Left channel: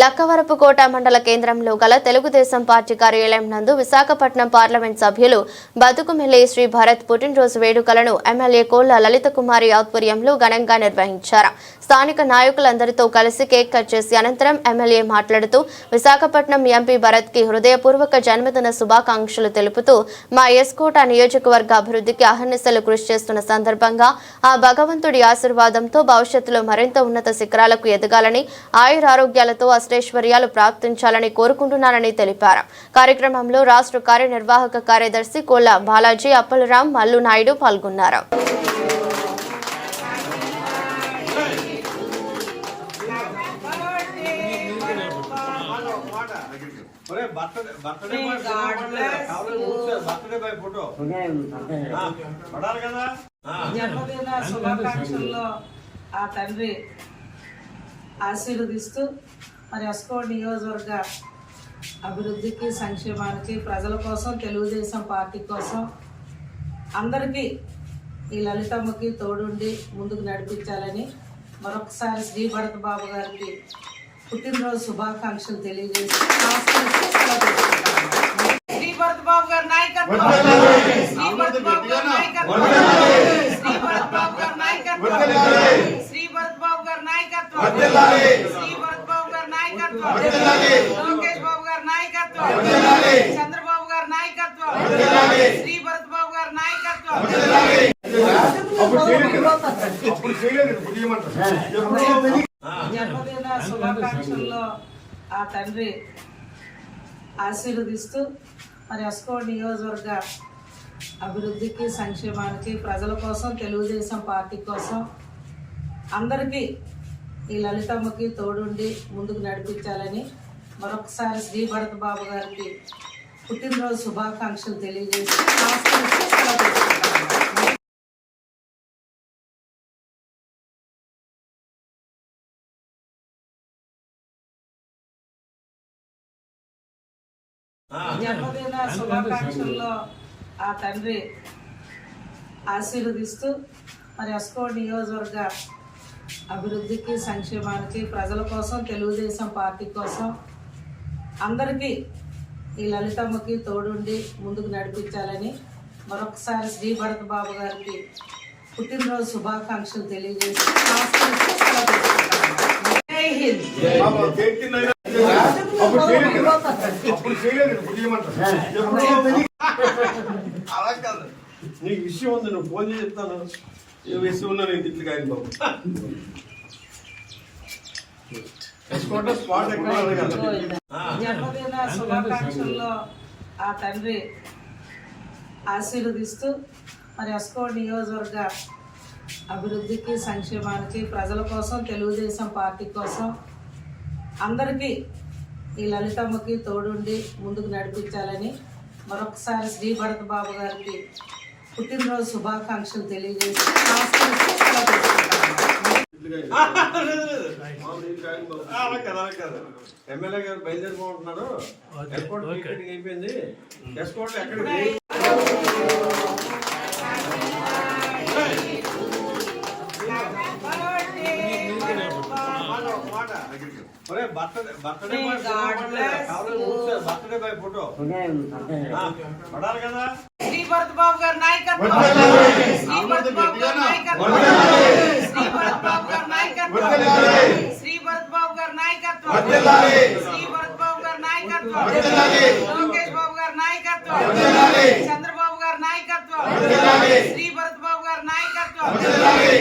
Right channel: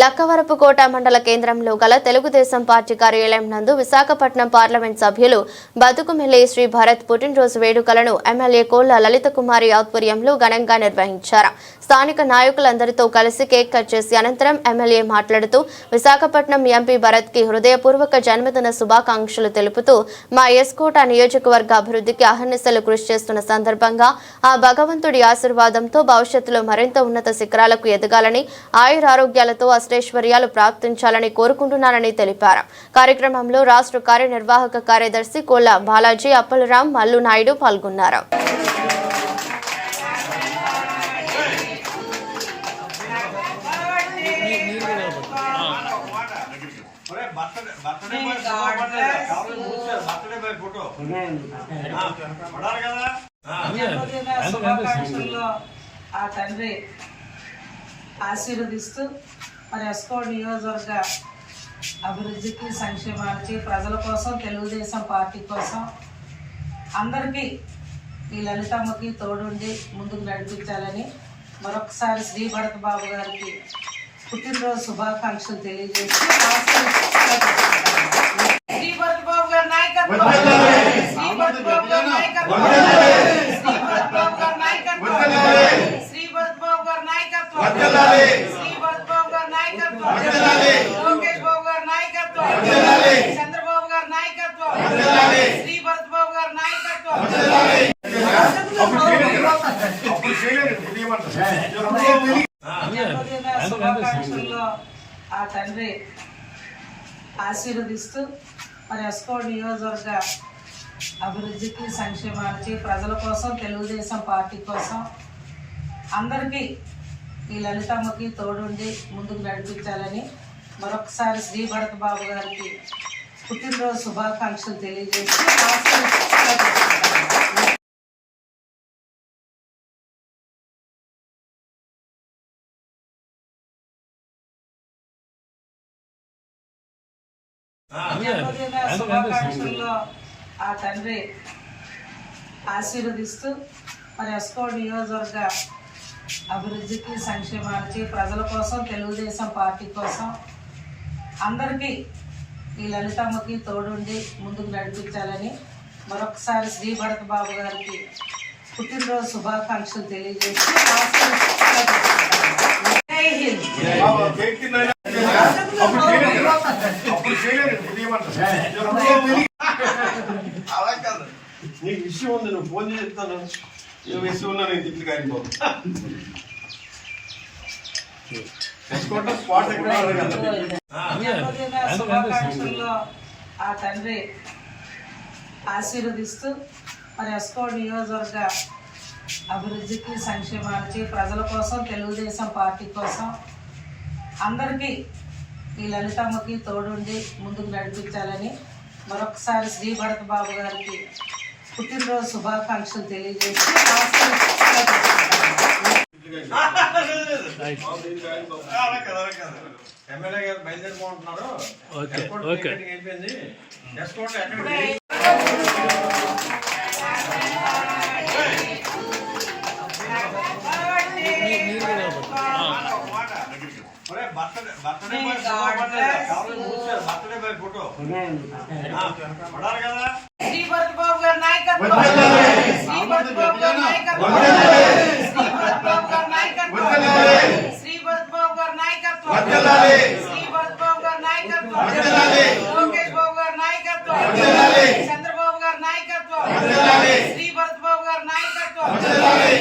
లక్కవరపుకోట మండల కేంద్రంలో గల తెలుగుదేశం పార్టీ కార్యాలయం నందు విశాఖపట్నం పార్లమెంట్ సభ్యులు బతుకుమెల్లి శ్రీ భరత్ పుట్టినరోజు వేడుకలను ఎమ్మెల్యే కోళ్ళ లలిత కుమారి ఆధ్వర్యంలో ఘనంగా నిర్వహించారు. స్థానిక నాయకులందరితో కలిసి కేక్ కట్ చేసి అనంతరం ఎమ్మెల్యే మాట్లాడుతూ విశాఖపట్నం ఎంపీ భరత్కి హృదయపూర్వక జన్మదిన శుభాకాంక్షలు తెలుపుతూ మా ఎస్కోట నియోజకవర్గ అభివృద్ధికి అహర్నిశలు కృషి చేస్తున్న సందర్భంగా ఆ భగవంతుడి ఆశీర్వాదంతో భవిష్యత్తులో మరింత ఉన్నత శిఖరాలకు ఎదగాలని ఆయురారోగ్యాలతో అష్టైశ్వర్యాలు ప్రాప్తించాలని కోరుకుంటున్నానని తెలిపారు కార్యక్రమంలో రాష్ట్ర కార్యనిర్వాహక కార్యదర్శి కోళ్ళ బాలాజీ అప్పలరాం మల్లు నాయుడు పాల్గొన్నారు ఆ తండ్రి ఆశీర్వదిస్తూ మరి ఎస్కో నియోజకవర్గ అభివృద్ధికి సంక్షేమానికి ప్రజల కోసం తెలుగుదేశం పార్టీ కోసం అందరికీ ఈ లలితమ్మకి తోడుండి ముందుకు నడిపించాలని మరొకసారి శ్రీ భరత్ బాబు గారికి పుట్టినరోజు శుభాకాంక్షలు తెలియజేసి శ్రీ భరత్ బాబు గారి నాయకత్వం. శ్రీ భరత్ బాబు గారి నాయకత్వం. శ్రీ భరత్ బాబు గారి నాయకత్వం శ్రీ భరత్ బాబు గారి నాయకత్వం శ్రీ భరత్ బాబు గారి నాయకత్వం లోకేష్ బాబు గారి నాయకత్వం. చంద్రబాబు గారి నాయకత్వం. శ్రీ భరత్ బాబు గారి నాయకత్వం. జన్మదిన శుభాకాంక్షల్లో ఆ తండ్రి ఆశీర్వదిస్తూ మరి ఎస్కో నియోజకవర్గ అభివృద్ధికి సంక్షేమానికి ప్రజల కోసం తెలుగుదేశం పార్టీ కోసం అందరికీ ఈ లలితమ్మకి తోడుండి ముందుకు నడిపించాలని మరొకసారి శ్రీ భరత్ బాబు గారికి పుట్టినరోజు శుభాకాంక్షలు తెలియజేసి జన్మదిన శుభాకాంక్షల్లో ఆ తండ్రి ఆశీర్వదిస్తూ మరి అస్కో నియోజకవర్గ అభివృద్ధికి సంక్షేమానికి ప్రజల కోసం తెలుగుదేశం పార్టీ కోసం అందరికీ ఈ లలితమ్మకి తోడుండి ముందుకు నడిపించాలని మరొకసారి శ్రీ భరత్ బాబు గారికి పుట్టినరోజు శుభాకాంక్షలు తెలియజేసి నీకు విషయం ఉంది నువ్వు ఫోన్ చెప్తాను. ఏ విషయం ఉన్నా నేను తిట్లు కాయను బాబు తెచ్చుకుంటే స్పాట్ ఎక్కడ అడగాలి ఆ. జన్మదిన శుభాకాంక్షల్లో ఆ తండ్రి ఆశీర్వదిస్తూ మరి ఎస్కో నియోజకవర్గ అభివృద్ధికి సంక్షేమానికి ప్రజల కోసం తెలుగుదేశం పార్టీ కోసం అందరికీ ఈ లలితమ్మకి తోడుండి ముందుకు నడిపించాలని మరొకసారి శ్రీ భరత్ బాబు గారికి పుట్టినరోజు శుభాకాంక్షలు తెలియజేసి. ఎమ్మెల్యే గారు బయలుదేరిపోతున్నాడు ఎయిర్పోర్ట్ అయిపోయింది భరత్ బాబు గారి నాయకత్వం శ్రీ భరత్ బాబు గారి నాయకత్వం శ్రీ భరత్ బాబు గారి నాయకత్వం శ్రీ భరత్ బాబు గారి నాయకత్వం శ్రీ భరత్ బాబు గారి నాయకత్వం లోకేష్ బాబు గారి నాయకత్వం చంద్రబాబు గారి నాయకత్వం